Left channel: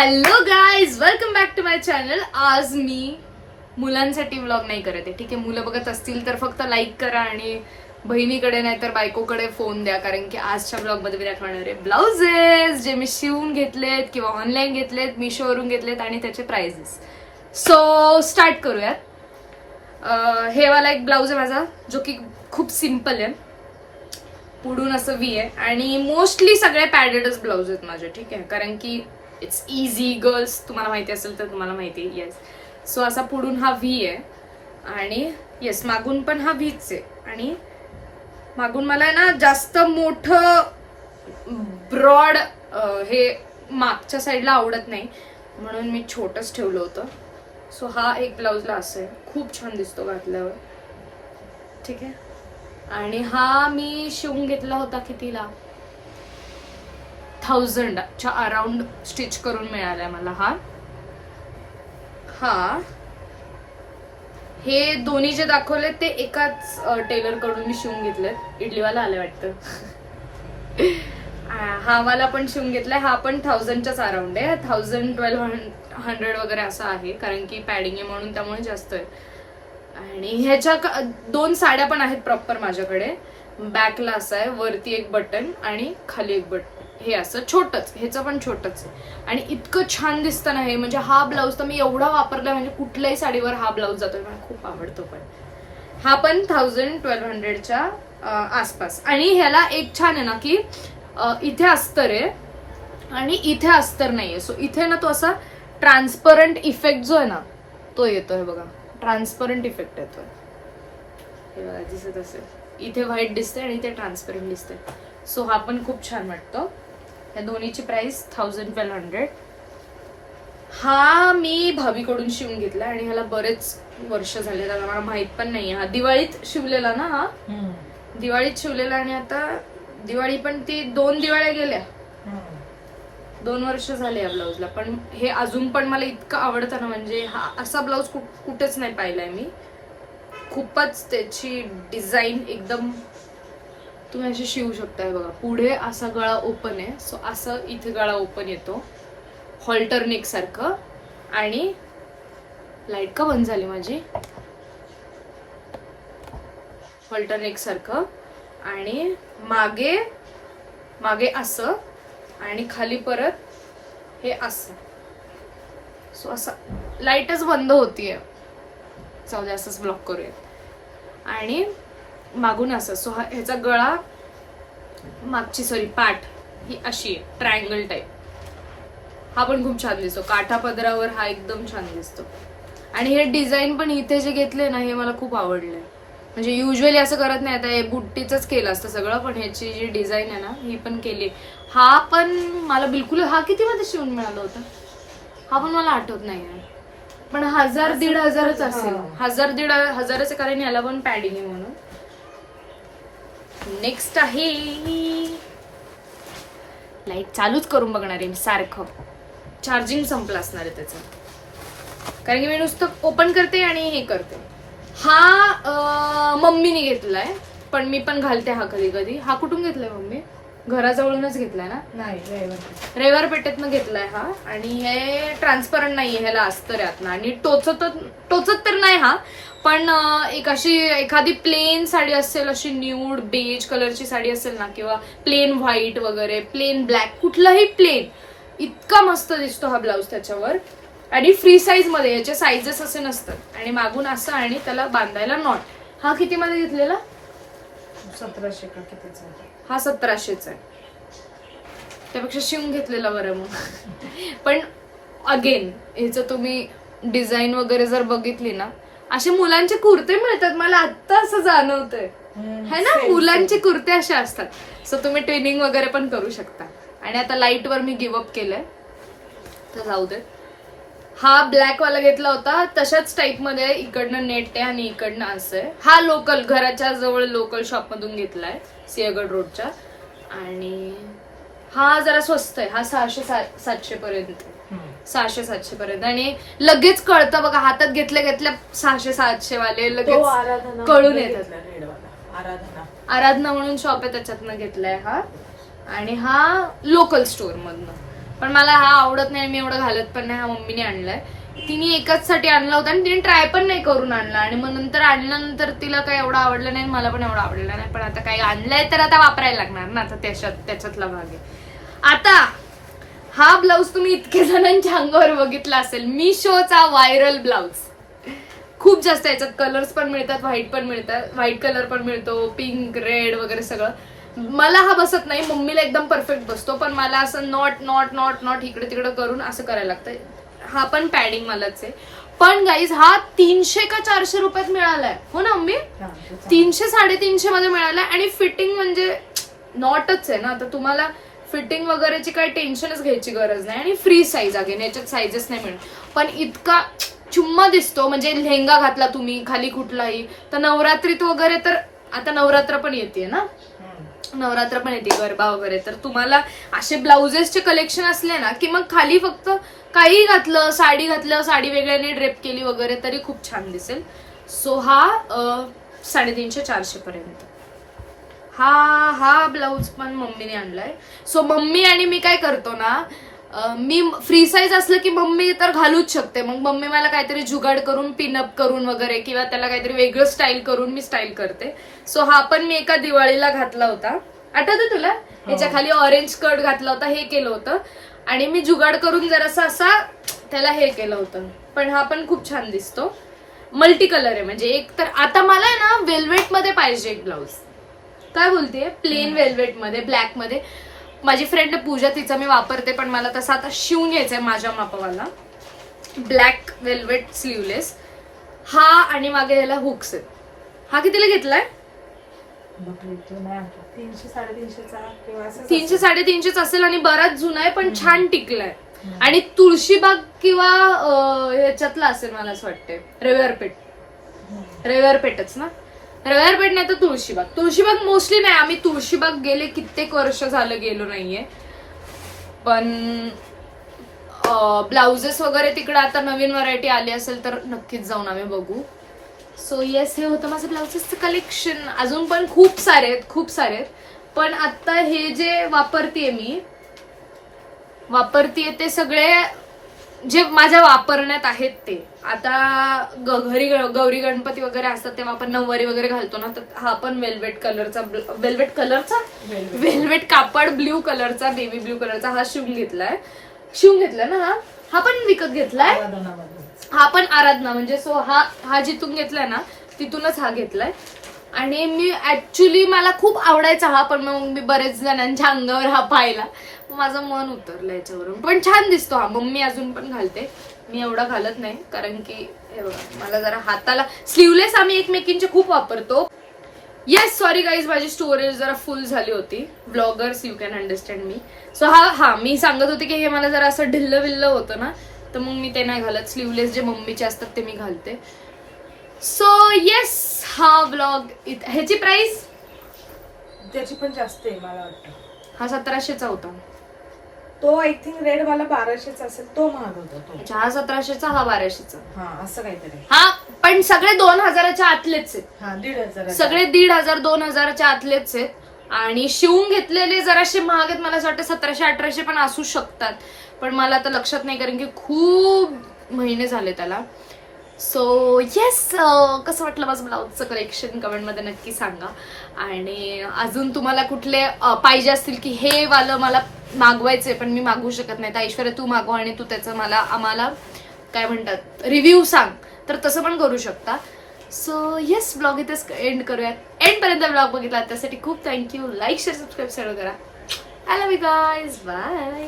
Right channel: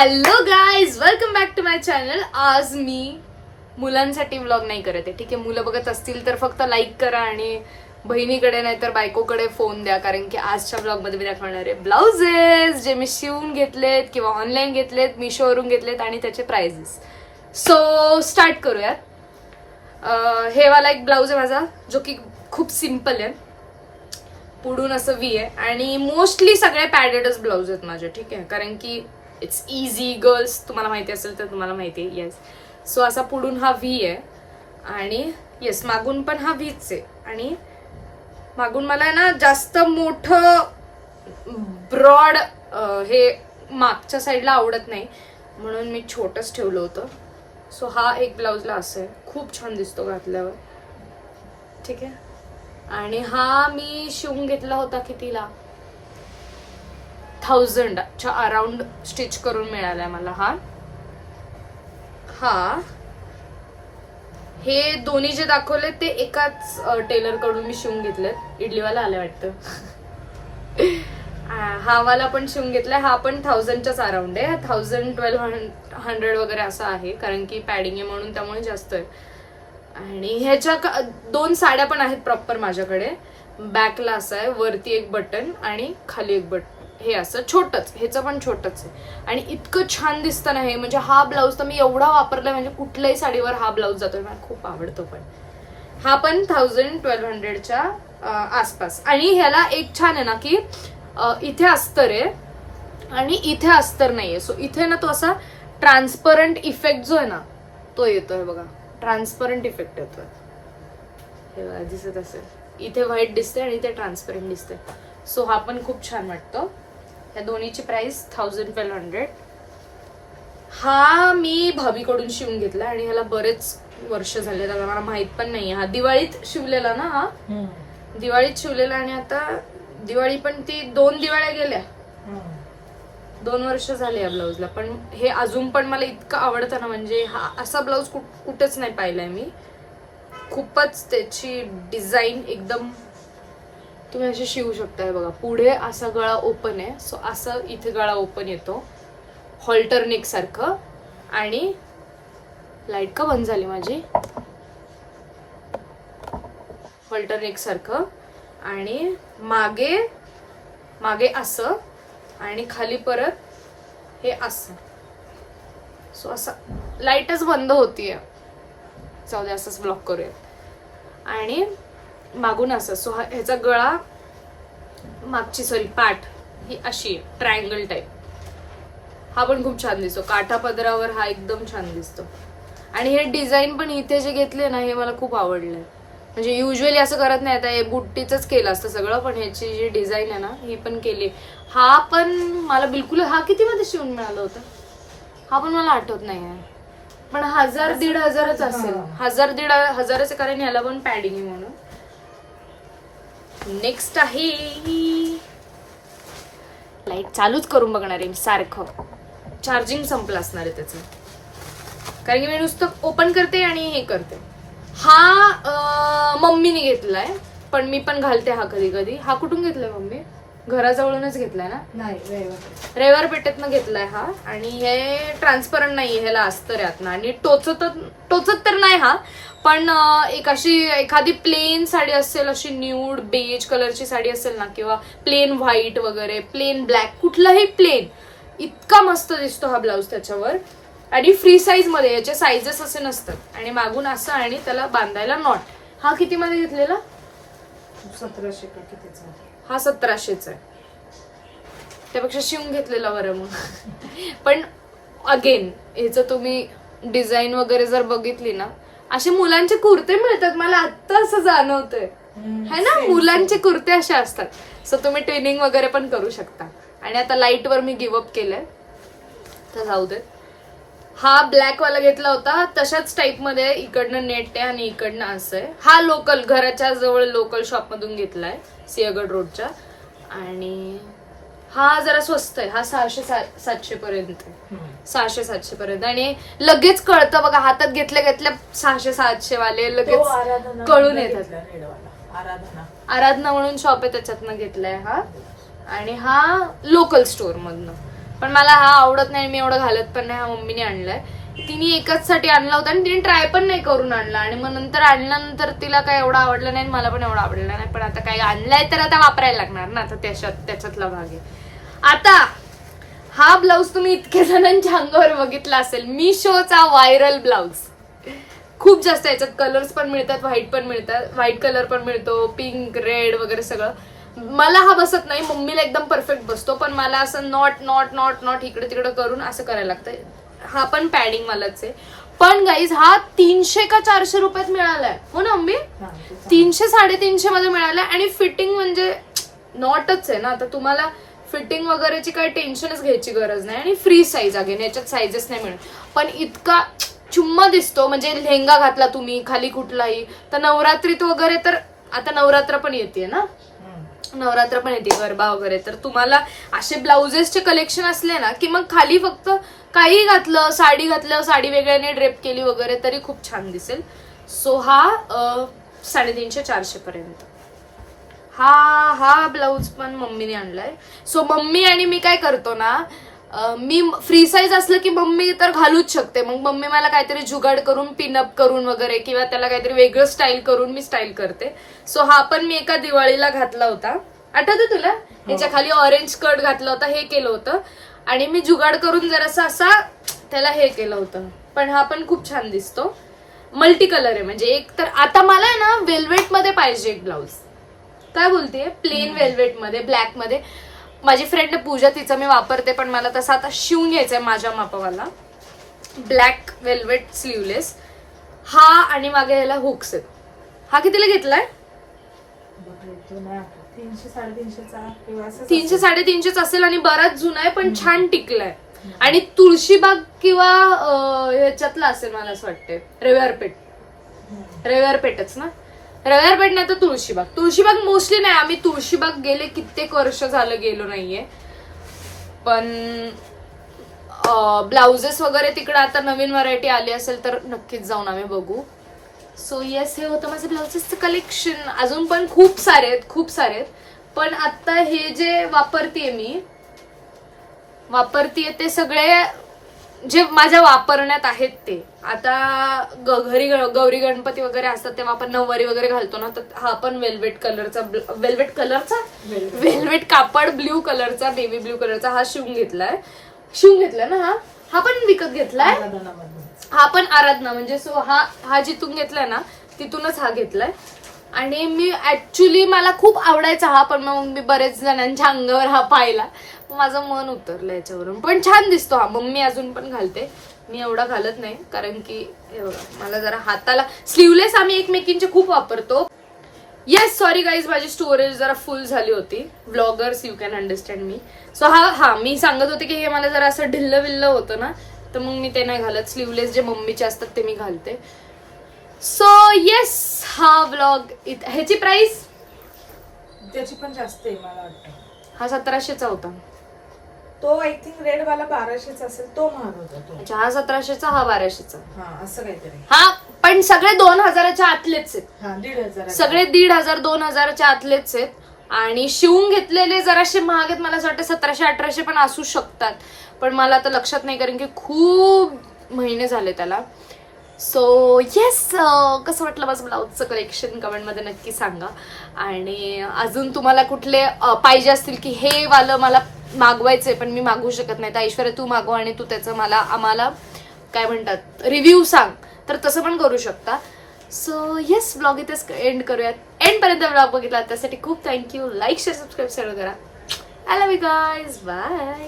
Hello guys, welcome back to my channel. आज मी मुलांसाठी व्लॉग नाही करत आहे. ठीक आहे, मुलं बघत असतील तर फक्त लाईक करा आणि बहिणीकडे नाही तर बायकोकडे फोन द्या, कारण की आजच्या व्लॉग मध्ये मी दाखवणार आहे ब्लाउजेस जे मी शिवून घेतलेत किंवा ऑनलाईन घेतलेत, मिशोवरून घेतलेत आणि त्याचे प्राइजेस. सो स्टार्ट करूयात. हे वाला एक ब्लाउज आहे माझा जो की खूप सिम्पल आहे. पुढून असं व्ही आहे आणि मोस्टली सगळे पॅडेडच ब्लाउज आहेत माझे. ठीक आहे, कारण की इट्स इझी. गर्ल्स तुम्हाला माहिती असेल तर तुम्हाला माहिती आहे. येस, सो असा पुढून हा व्ही आहे आणि येस मागून पण हा व्हीच आहे. आणि मागून मला ना जास्त मोठं ब्रॉड हे मागच्या साईडला आवडत नाही, म्हणून मी छोटंच ठेवलं होतं. सो हा एक ब्लाउजला असं आहे, खूप छान दिसतो घातल्यावर. ठीक आहे, आणि हा मी शिवून घेतला होता कितीला, 1000च्या अराउंड स्टिच करून मिळालाय मला हा. हे दोन्ही जे दाखवले ते एकाच टेलर कडून मी शिवून घेतलेत. इडलीवाला आलाय वाटतं. हा वाला पण शिवून घेतलाय. हा पण 1000च्याच अराउंड आहे. 1000-1200 वगैरे असं आहे, कारण की पॅडिंग आहे म्हणून त्यामुळे जास्त आहे. आणि ह्याच्या दोन साड्या पण आहेत प्रॉपर माझ्याकडे. बॅकला असं आहे, वरती एक बटन आणि खाली एक बटन. हे असं छोटच, ह्याचं पण छोटच आहे आणि इतकं छान दिसतं ना हे. म्हणजे हा ब्लाऊज तर मी एवढा वापरलाय, म्हणजे कुठल्याही साडीवर हा ब्लाऊज जातोय, मला खूप आवडतो. पण हा पण 1000-1200च्या आसपास. आणि ह्याला एक छान आहे ना की इथे अस्तर आहे आणि इथे अस्तर नाहीये. सो इथे ना तो असा ट्रान्सपरंट इफेक्ट जो आहे ना तो येतोय बघा. ट्रान्सपरंट इफेक्ट येतोय, हे बघा दिसत असेल. इथे व्हाईट दिसते आणि इथे ट्रान्सपरंट दिसते. सो हा पण खूप छान वाटतो. या दोन्हीची प्राइस 1000-1200. हा मी भाभीकडून शिवून घेतला आणि ह्याला बरेच वर्ष झाले, आता मला माहित पण नाहीये. हा दिवाळीत शिवलेला ना, हा दिवाळीत शिवलेला. आणि आता दिवाळी पण ती 2 दिवाळ्या गेल्या, 2 वर्ष झाले या ब्लाऊजला. पण हे अजून पण मला इतकं आवडतं ना, म्हणजे हा असा ब्लाऊज कुठेच नाही पाहिलाय मी. खूपच त्याची डिझाईन एकदम तुम्ही असे शिवू शकताय बघा. पुढे असा गळा ओपन आहे, सो असं इथे गळा ओपन येतो हॉल्टर नेक सारखं. आणि लाईट का बंद झाली माझी, हॉल्टर नेक सारखं. आणि मागे मागे असं आणि खाली परत हे असं. सो असं लाईटच बंद होतीये, जाऊ दे असंच ब्लॉक करूया. आणि मागून असं. सो ह्याचा गळा मागची पाठ ही अशी आहे, ट्रायंगल टाईप. हा पण खूप छान दिसतो काठा पदरावर, हा एकदम छान दिसतो. आणि हे डिझाईन पण इथे जे घेतले ना हे मला खूप आवडलंय. म्हणजे युजली असं करत नाही, आता हे बुट्टीच केलं असतं सगळं, पण ह्याची जी डिझाईन आहे ना ही पण केली. हा पण मला बिलकुल, हा किती मध्ये शिवून मिळालं होतं हा पण मला आठवत नाही, पण 1000-1500च असेल. 1000-1500च, कारण याला पण पॅडिंग आहे म्हणून. नेक्स्ट आहे, लाईट चालूच करून बघणार आहे मी सारखं. चार्जिंग संपलं असणार आहे त्याचं, कारण की मी नुसतं ओपन करते आणि हे करते. हा मम्मीने घेतलाय, पण मी पण घालते हा कधी कधी. हा कुठून घेतलाय मम्मी? घराजवळूनच घेतलाय ना, रविवार पेठेतनं घेतलाय हा. आणि हे ट्रान्सपरंट नाहीये, ह्याला अस्तर यात ना. आणि टोचत तर नाही हा, पण एक अशी एखादी प्लेन साडी असेल, अशी न्यूड बेज कलरची साडी असेल ना, किंवा प्लेन व्हाईट वगैरे, प्लेन ब्लॅक, कुठलाही प्लेन, इतका मस्त दिसतो हा ब्लाऊज त्याच्यावर. आणि फ्री साईज मध्ये, याचे साईजेस असे नसतात. आणि मागून असं आणि त्याला बांधायला नॉट. हा किती मध्ये घेतलेला? 1700 का कितीचा? हा 1700चा आहे. त्यापेक्षा शिवून घेतलेला बरं मग. पण अगेन ह्याचं तुम्ही डिझाईन वगैरे जर बघितली ना, असे मुलांचे कुर्ते मिळतात, मला आत्ता असं जाणवतंय है ना, मुलांचे कुर्ते असे असतात. सो तुम्ही ट्विनिंग वगैरे पण करू शकता. आणि आता लाईट वर मी गिव्हअप केलंय, तर जाऊ दे. हा ब्लॅक वाला घेतला होता, तशाच टाईप मध्ये इकडनं नेट आहे आणि इकडनं असं आहे. हा लोकल, घराच्या जवळ लोकल शॉप मधून घेतलाय, सिंहगड रोडच्या. आणि हा जरा स्वस्त आहे, हा 600-700 पर्यंत आहे. 600-700 पर्यंत. आणि लगेच कळतं बघा, हातात घेतल्या घेतल्या 600-700 वाले लगेच कळून येतात. आराधना म्हणून शॉप आहे, त्याच्यातनं घेतलाय हा. आणि हा लोकल स्टोर मधनं. पण मला हा आवडत नाही, मी एवढं घालत पण नाही. हा मम्मीने आणलाय, तिने एकाच साठी आणला होता आणि तिने ट्राय पण नाही करून आणला. आणि मग नंतर आणल्यानंतर तिला काय एवढं आवडलं नाही, मला पण एवढं आवडलं नाही. पण आता काही आणलंय तर आता वापरायला लागणार ना, आता त्याच्यातला भाग आहे. आता हा ब्लाऊज तुम्ही इतके जणांच्या अंगावर बघितला असेल, मिशोचा व्हायरल ब्लाऊज. खूप जास्त याच्यात कलर्स पण मिळतात, व्हाईट पण मिळतात, व्हाईट कलर पण मिळतो, पिंक, रेड वगैरे सगळं. मला हा बसत नाही, मम्मीला एकदम परफेक्ट बसतो, पण मला असं नॉट इकडे तिकडे करून असं करायला लागतंय. हा पण पॅडिंग मलाच आहे. पण गाईज हा 300 का 400 रुपयात मिळालाय, हो ना मम्मी? 300-350 मध्ये मिळालाय. आणि फिटिंग म्हणजे नॉटच आहे ना, आता तुम्हाला फिटिंग वगैरेची काही टेन्शनच घ्यायची गरज नाही. आणि फ्री साईज अगेन, याच्यात साईजेस नाही मिळत. पण इतका चुम्मा दिसतो, म्हणजे लेहंगा घातला तुम्ही खाली कुठलाही, तर नवरात्रीत वगैरे, तर आता नवरात्र पण येते ना, नवरात्र पण येते, गरबा वगैरे, तर तुम्हाला असे ब्लाउजेसचे कलेक्शन असले ना की मग खाली फक्त काही घातलं, साडी वेगळ्याने ड्रेप केली वगैरे तरी खूप छान दिसेल. सो हा 350-400 पर्यंत. हा ब्लाऊज पण मम्मीने आणलाय. सो मम्मी आणि मी काय करतो ना, मी फ्री साईज असलं की मम्मी तर घालूच शकते, मग मम्मी मला काहीतरी जुगाड करून पिनअप करून वगैरे किंवा त्याला काहीतरी वेगळं स्टाईल करून मी स्टाईल करते. सो हा पण मी एका दिवाळीला घातला होता, आठवतं तुला? याच्या खाली ऑरेंज स्कर्ट घातला होता, हे केलं होतं आणि मी जुगाड करून जरासा असा त्याला हे केलं होतं. पण हा पण खूप छान दिसतो, मल्टी कलर आहे. म्हणजे एक तर आता मला आहे ना वेल्वेट मध्ये पाहिजे एक ब्लाऊज. काय बोलतेय? प्लेन वेल्वेट मध्ये, ब्लॅक मध्ये. माझी फ्रेंड पूजा, तिचा मी वापरते, पण मला तसा आता शिवून घ्यायचंय माझ्या मापावाला. ब्लॅक वेल्वेट स्लीवलेस हा, आणि मागे ह्याला हुक्स आहेत. हा कितीला घेतलाय? 300-350 असेल आणि बराच जुना आहे, पण छान टिकलाय. आणि तुळशीबाग किंवा ह्याच्यातला असेल मला असं वाटतंय, रविवार पेठच ना, रविवार पेठ नाही तर तुळशीबाग मोस्टली नाही. आम्ही तुळशीबाग गेले कित्येक वर्ष झालं गेलो नाहीये, पण ब्लाउजेस वगैरे तिकडे आता नवीन व्हरायटी आली असेल तर नक्कीच जाऊन आम्ही बघू. सो येस, हे होतं माझं ब्लाउजेसचं कलेक्शन. अजून पण खूप सारे आहेत, पण आता हे जे वापरतीये ते सगळे जे माझ्या वापरण्यात आहेत ते. आता घरी गौरी गणपती वगैरे असतात तेव्हा आपण नऊवारी वगैरे घालतो ना, तर हा पण वेल्वेट कापड ब्ल्यू कलरचा, नेव्ही ब्ल्यू कलरचा हा शिवून घेतलाय ना. हा पण विकत घेतलाय, हा पण आराधना, म्हणजे सो हा जिथून घेतलाय ना तिथूनच हा घेतलाय. आणि मी ऍक्च्युली मला खूप आवडायचा हा, पण मग मी बरेच जणांच्या अंगावर हा पाहिला, माझं मन उतरलं याच्यावरून. पण छान दिसतो हा, मम्मी अजून पण घालते, मी एवढा घालत नाही, कारण की हे बघा मला जरा हाताला स्लीवलेस आम्ही एकमेकींचे खूप वापरतो. येस, सॉरी गाईज, माझी स्टोरेज जरा फुल झाली होती. Bloggers, you can understand me. So हा मी सांगत होते की हे मला जरा असं ढिल्लं विल्लं होतं ना, तर मग मी ते नाही घालत. स्लीवलेस जे मम्मीचे असतात ते मी घालते. सो येस, हा ब्लॉग, ह्याची प्राइस त्याची पण जास्त आहे मला वाटतं. हा 1700चा होता. तो आय थिंक रेड वाला 1200चा असेल, तो महाग होता तो. अच्छा, हा 1700चा, हा 1200चा. हा, असं काहीतरी. हा, पण सगळे 2000च्या आतलेच आहेत. हा, 1500. सगळे 1500-2000च्या आतलेच आहेत. आणि शिवून घेतलेले जराशे महाग आहेत, मला असं वाटतं 1700-1800 पण असू शकतात, पण मला आता लक्षात नाही, कारण की खूप महिने झाले त्याला. सो येस, कसं वाटलं माझं ब्लाऊजचं कलेक्शन कमेंटमध्ये नक्की सांगा. आणि अजून तुम्हाला कुठले पाहिजे असतील की हे वालं मला मागवायचंय पण मी मागवू शकत नाही, तर ऐश्वर्या तू मागव आणि तू त्याचं आम्हाला काय म्हणतात रिव्ह्यू सांग, तर तसं पण करू शकता. सो येस, ब्लॉग इथेच एंड करूयात. एंड पर्यंत ब्लॉग बघितला त्यासाठी खूप थँक्यू. लाईक, शेअर, सबस्क्राईब करा. I love you guys, bye.